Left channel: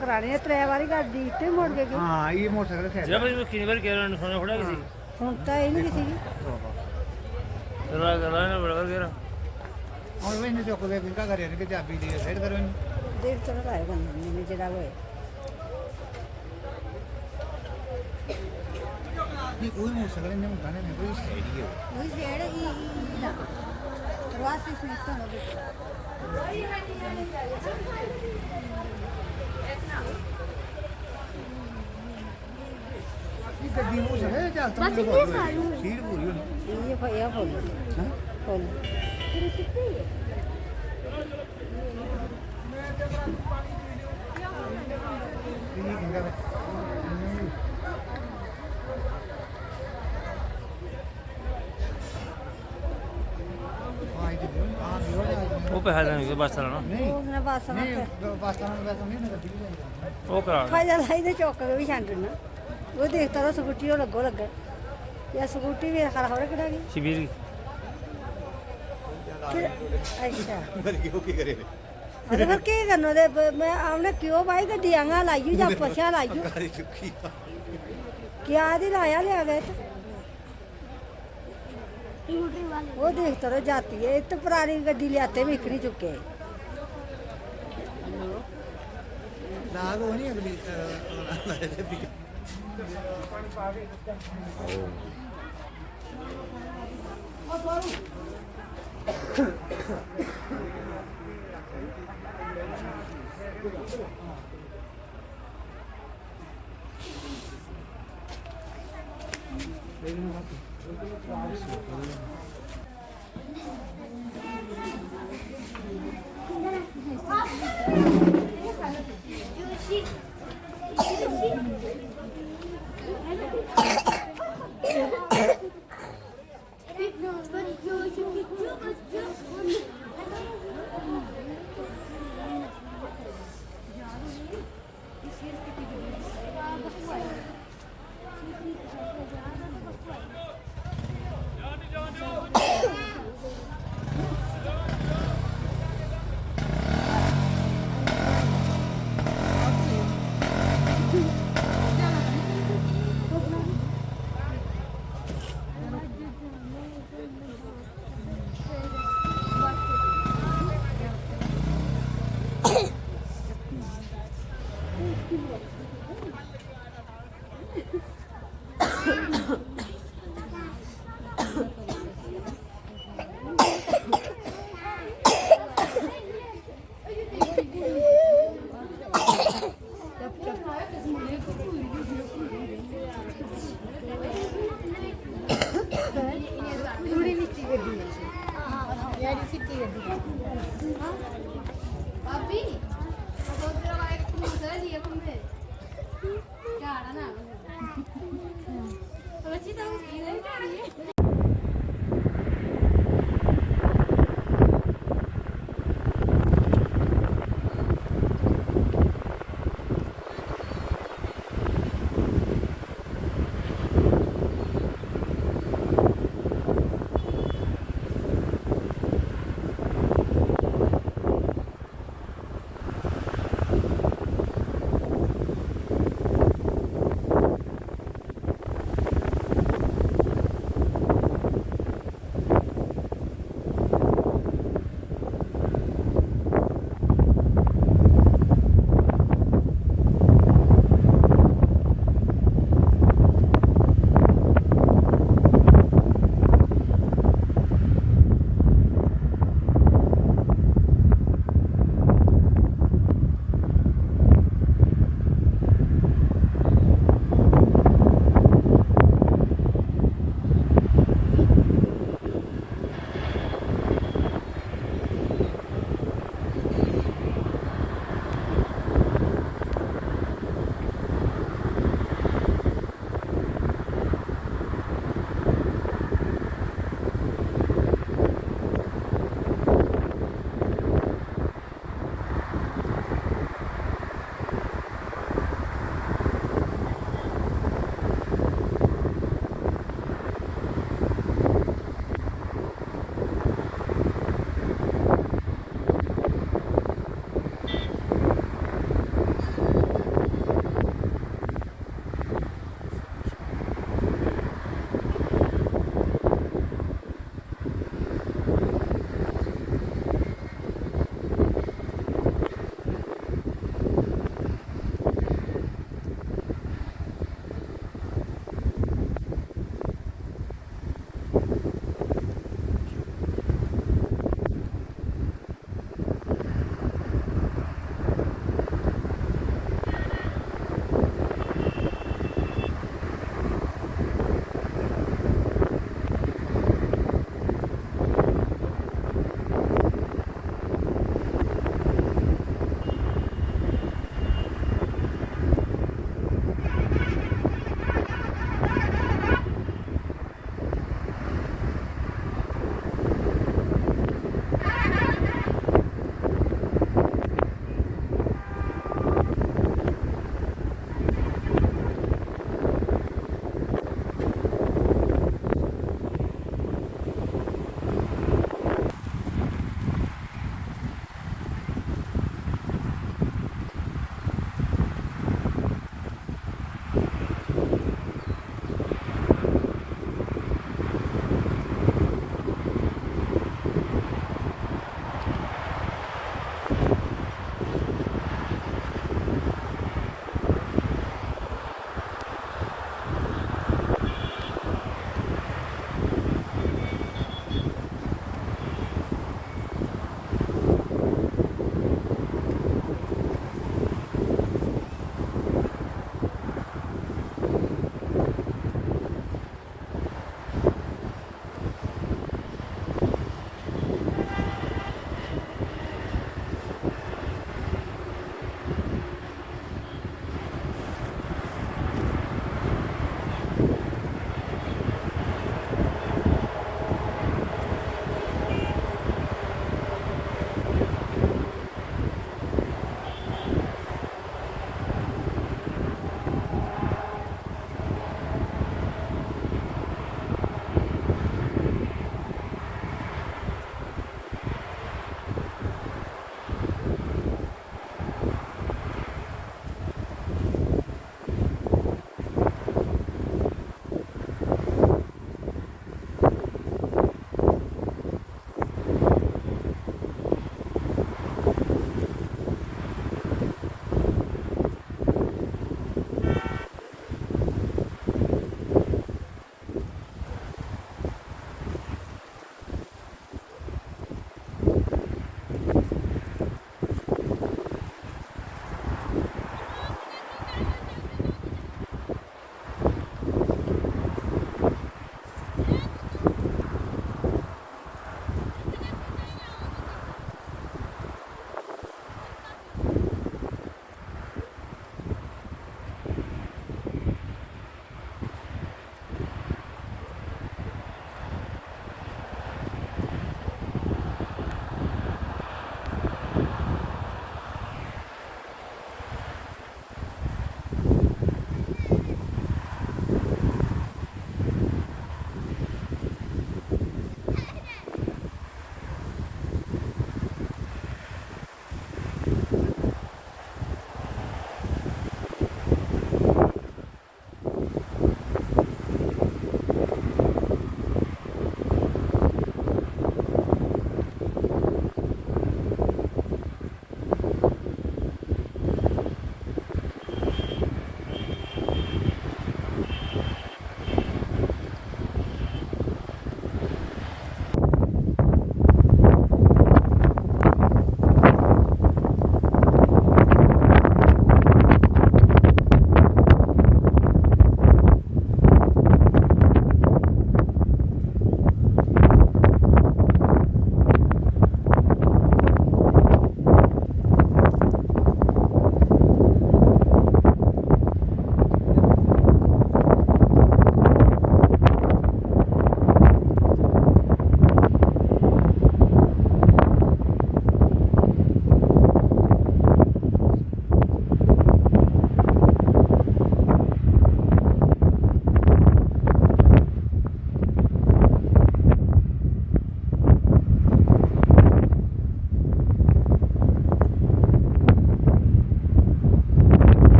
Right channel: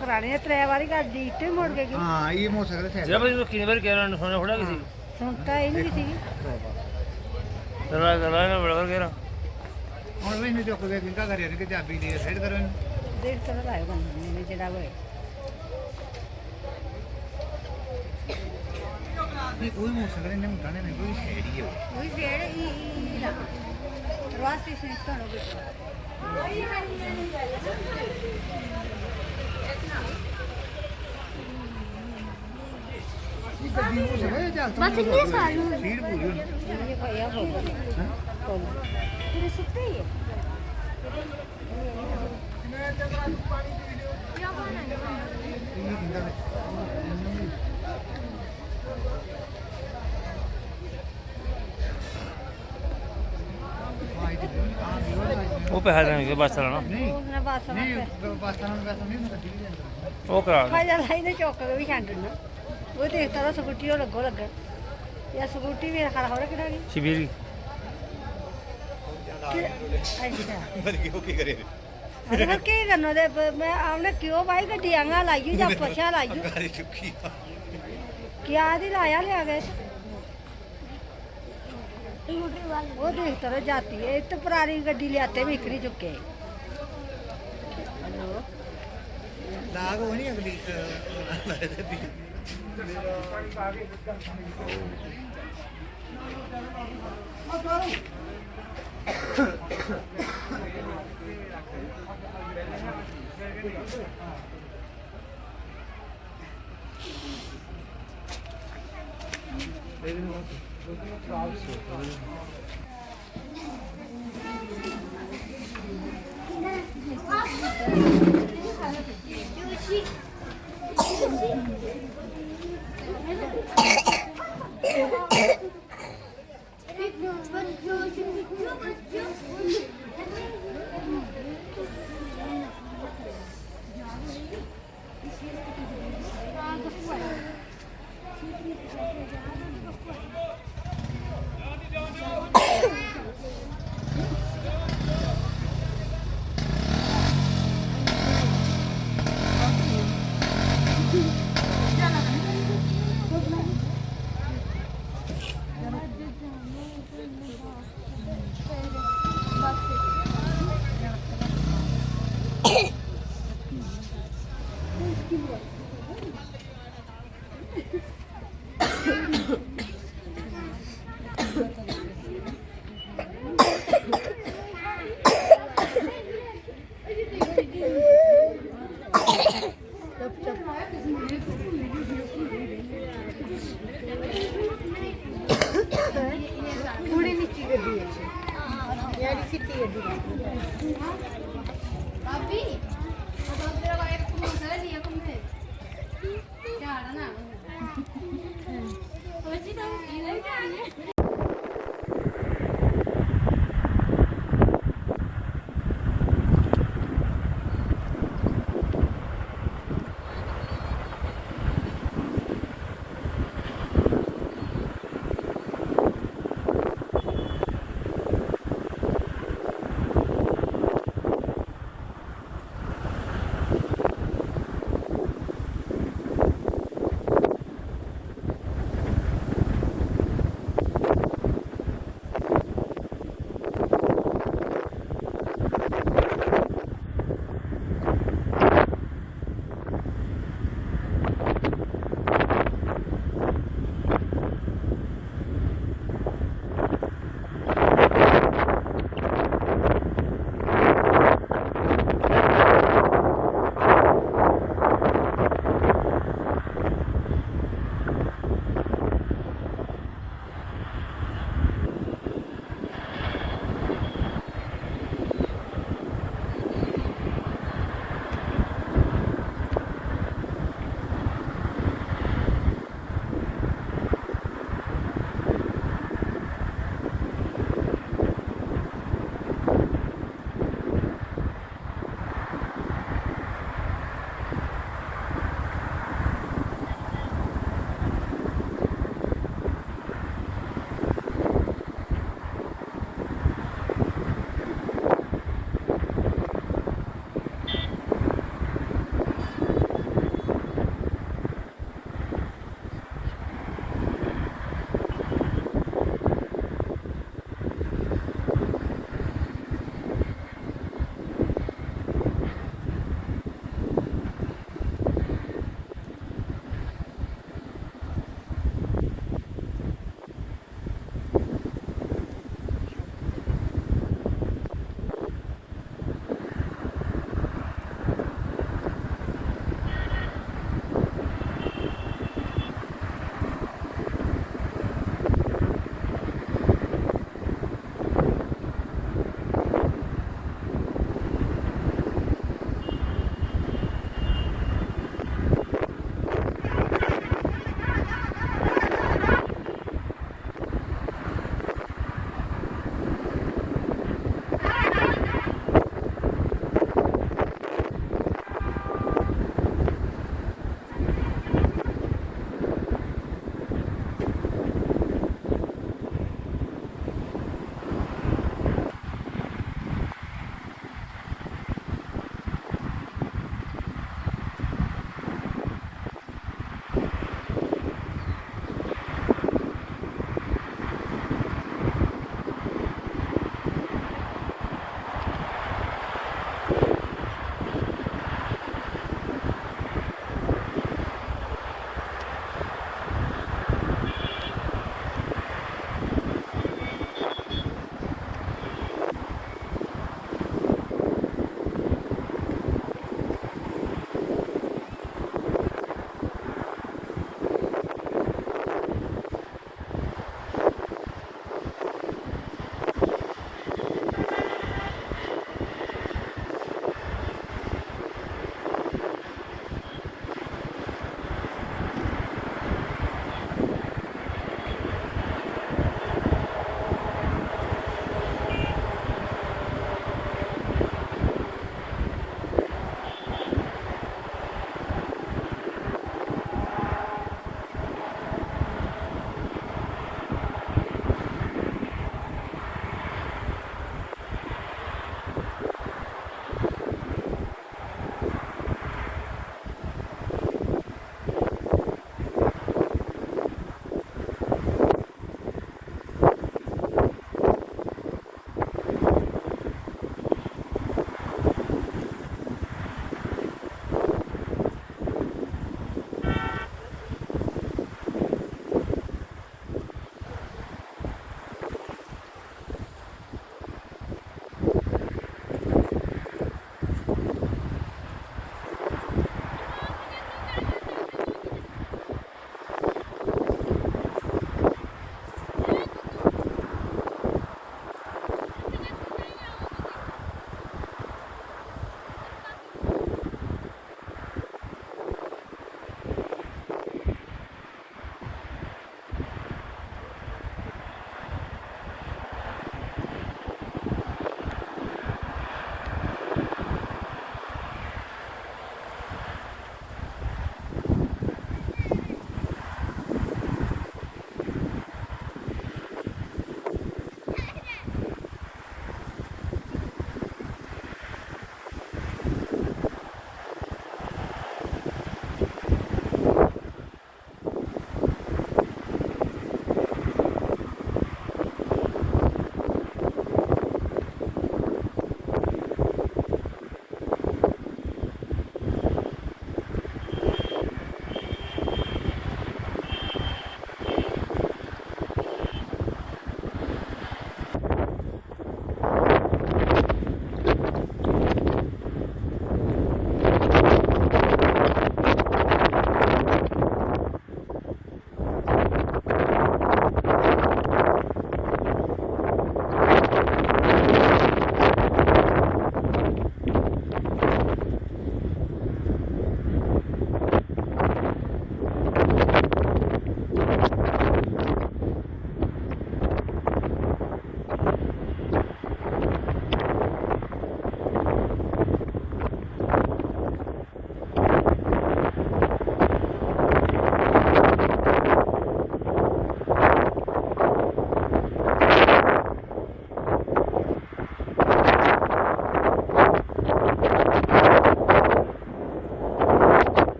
ਪੁਰਾਣੇ ਤਰੇ ਵਾਰੀ ਗੱਡੀ ਇੱਟੇ ਮੁੜ ਕੇ ਗਈ ਹਾਂ ਇਹ ਮੋਟਰਸਾਈਕਲ ਜਬ ਇਹ ਕਿੰਨੇ ਵਾਰ ਕਹਿ ਰਹੇ ਨੇ ਥੋੜਾ ਕਿਸੇ ਹੁਣ ਤਾਂ ਇਹ ਨਹੀਂ ਸੀ ਚਲਾ ਚਲਾ ਨਾ ਬੜਾ ਵਗੈਰਾ ਹੁਣ ਵੀ ਨਹੀਂ ਚੁੱਕ ਗਿਆ ਕਿੰਕਾ ਕਰਿਆ ਕਿ ਚਾਬੀ ਦੇ ਫੇਰ ਕਰੋ ਇਹਨੂੰ। ਦੇਖ ਤੇ ਲਗਾਏ ਬੰਦੇ ਨੇ ਜਿਹੜਾ ਹੋਏ ਨਹੀਂ ਕੋਈ ਮੋਟਰਸਾਈਕਲ ਇਹਨੇ ਮੁੰਡਾ ਨੇ ਨਹੀਂ ਕੋਈ ਸਟੇਡੀ ਹੈ ਉਹ ਜਿਹੜਾ ਹੀ ਨਾ ਰਵਾਸੀ ਸਿਸਟਮ ਹੋ ਗਿਆ ਇਹ ਗੱਡੀ ਹੋ ਸਕੇ ਚੱਲ ਤੂੰ ਸੀਟ ਪੂਰੀ ਹੋਣੀ ਇਹ ਭਈਆ ਬੋਲ ਤੇਰੇ ਸੁੱਤੇ ਹੀ ਹੈ ਇਹ ਕਿੰਦਾ ਉਹ ਪੈਸਾ ਦੇਣਗੇ ਬੱਸ ਵਾਲਾ ਨਾ ਨਹੀਂ ਉਹਨੇ ਬਸ ਨਹੀਂ ਪਾਸਟਾਂ ਨੂੰ ਵੈਸੇ ਨਹੀਂ ਗੱਡੀ ਵੀ ਜਾਂਦਾ ਉਹ ਕਰਾ ਖਾਈ ਜਾਂਦਾ ਇਹਦੇ ਚੌਕ ਕੇ ਵੀ ਛੱਡ ਨੇ ਉਹ ਦੇਖਦਾ ਤਾਂ ਸਕੂਟੀ ਉਹ ਲੱਗੋ ਲੱਗਾ ਇਹ ਸਕੂਟੀ ਵੀ ਖੜਾ ਹੋਰੇ ਕਿਹੜਾ ਗਈ ਸ਼ਿਵੀਰੀ ਅੱਛਾ ਫਿਰ ਕੀ ਕਰੇ ਅਰੇ ਫਿਰ ਕੀ ਕਰਨਾ ਦੇ ਮੈਂ ਉਹਨੇ ਕਿਉਂ ਬਾਈ ਗੱਡੀ ਆਂਗਾ ਲਾਈ ਜਾਂ ਪੁੱਛਿਆ ਲਾਈ ਗਾੜੀ ਚੁੱਕੀ ਕਿਆ ਦੀ ਲਾਇਆ ਲਿਆ ਗਏ वो देखते रह जाती है तो पुरानी गड्डी ले आते बिक नहीं चुके ਦਾਗ ਉਹ ਨਹੀਂ ਅਗਲੀ थोड़ी नीची गड्डी है यार सिटी गड्डी अभी तो तेरा वाइफ को उधर दिया हमने क्या आ रहा ना तो अच्छी तो इधर क्या है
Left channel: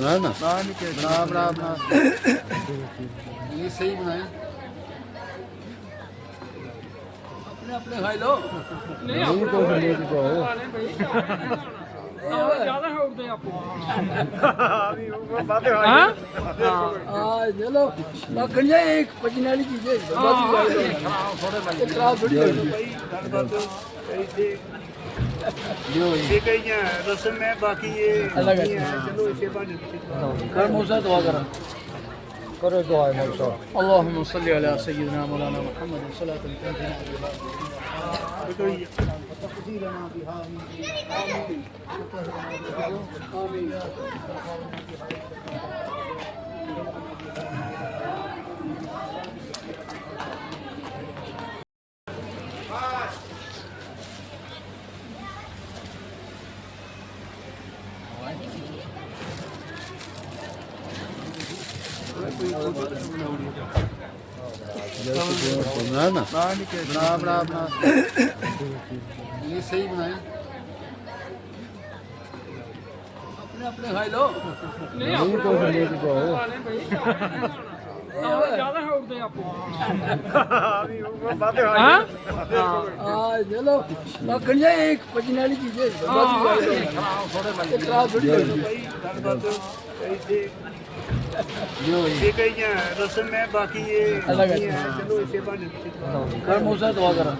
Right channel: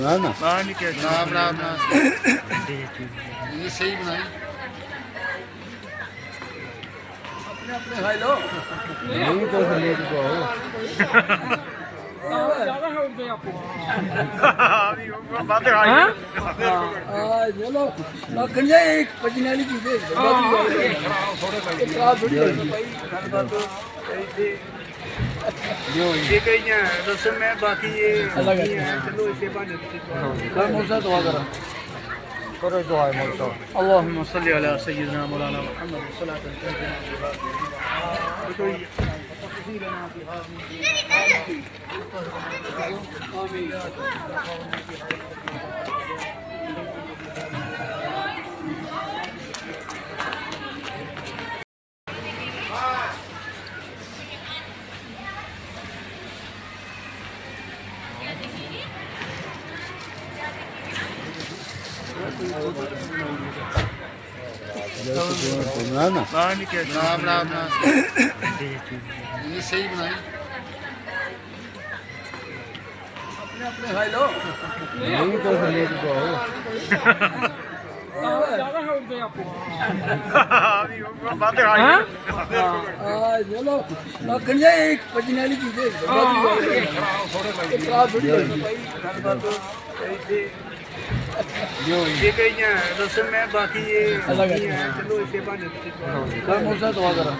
ना ना ਨਾ ਨਹੀਂ ਕਿ ना बना बना ये सही बनाई अपने अपने खाई लो नहीं तो लेके जाओ चलो कन्या एक पचने वाली चीज है खराब थोड़ी ये कहीं रसम में बाकी ये अलग है चलो इसे पानी कर मौसा दुआ करो करो दुआ मौसा اللهم صل على سيدنا مولانا محمد صلاة تنجينا ना ना ना नहीं कि ना बना बना ये सही बनाई अपने अपने खाई लो नहीं तो लेके जाओ चलो कन्या एक पचने वाली चीज है खराब थोड़ी ये कहीं रसम में बाकी ये अलग है चलो इसे पानी कर मौसा दुआ करो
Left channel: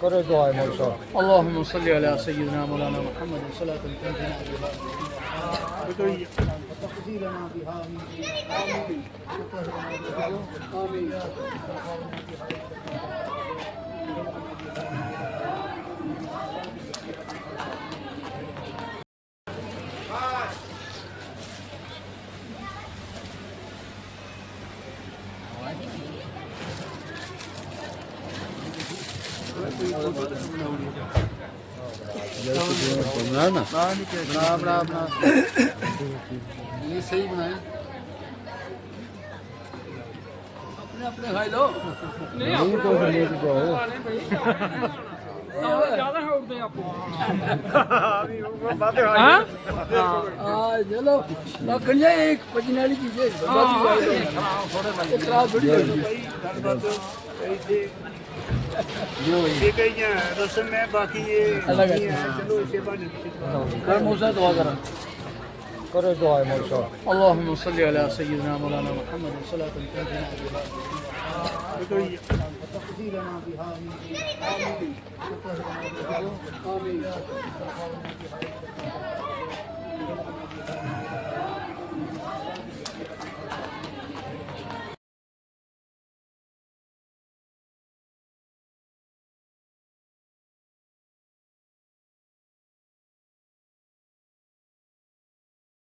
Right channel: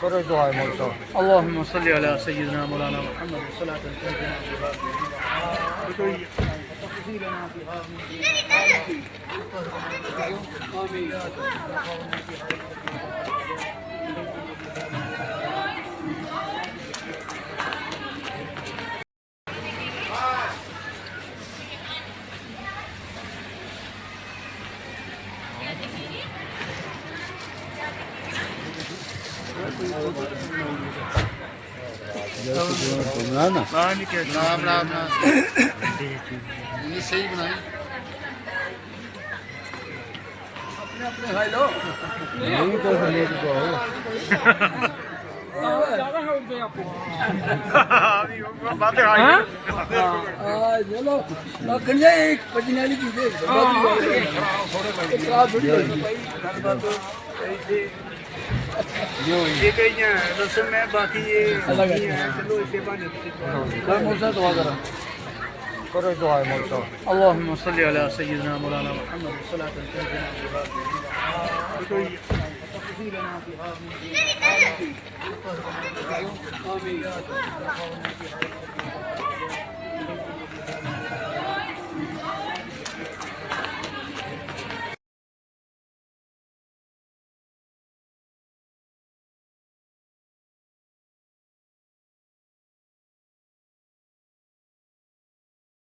करो दुआ मौसा اللهم صل على سيدنا مولانا محمد صلاة تنجينا ना नहीं क्या बना ये सही बनाई अपने अपने खाई लो नहीं तो लेके जाओ ज्यादा है उठते आप चलो कन्या एक पचने वाली चीज है ये कहीं रसम है बाकी ये अलग है चलो इसे बानी कर मौसा दुआ करा करो दुआ मौसा اللهم صل على سيدنا مولانا محمد صلاة تنجينا بها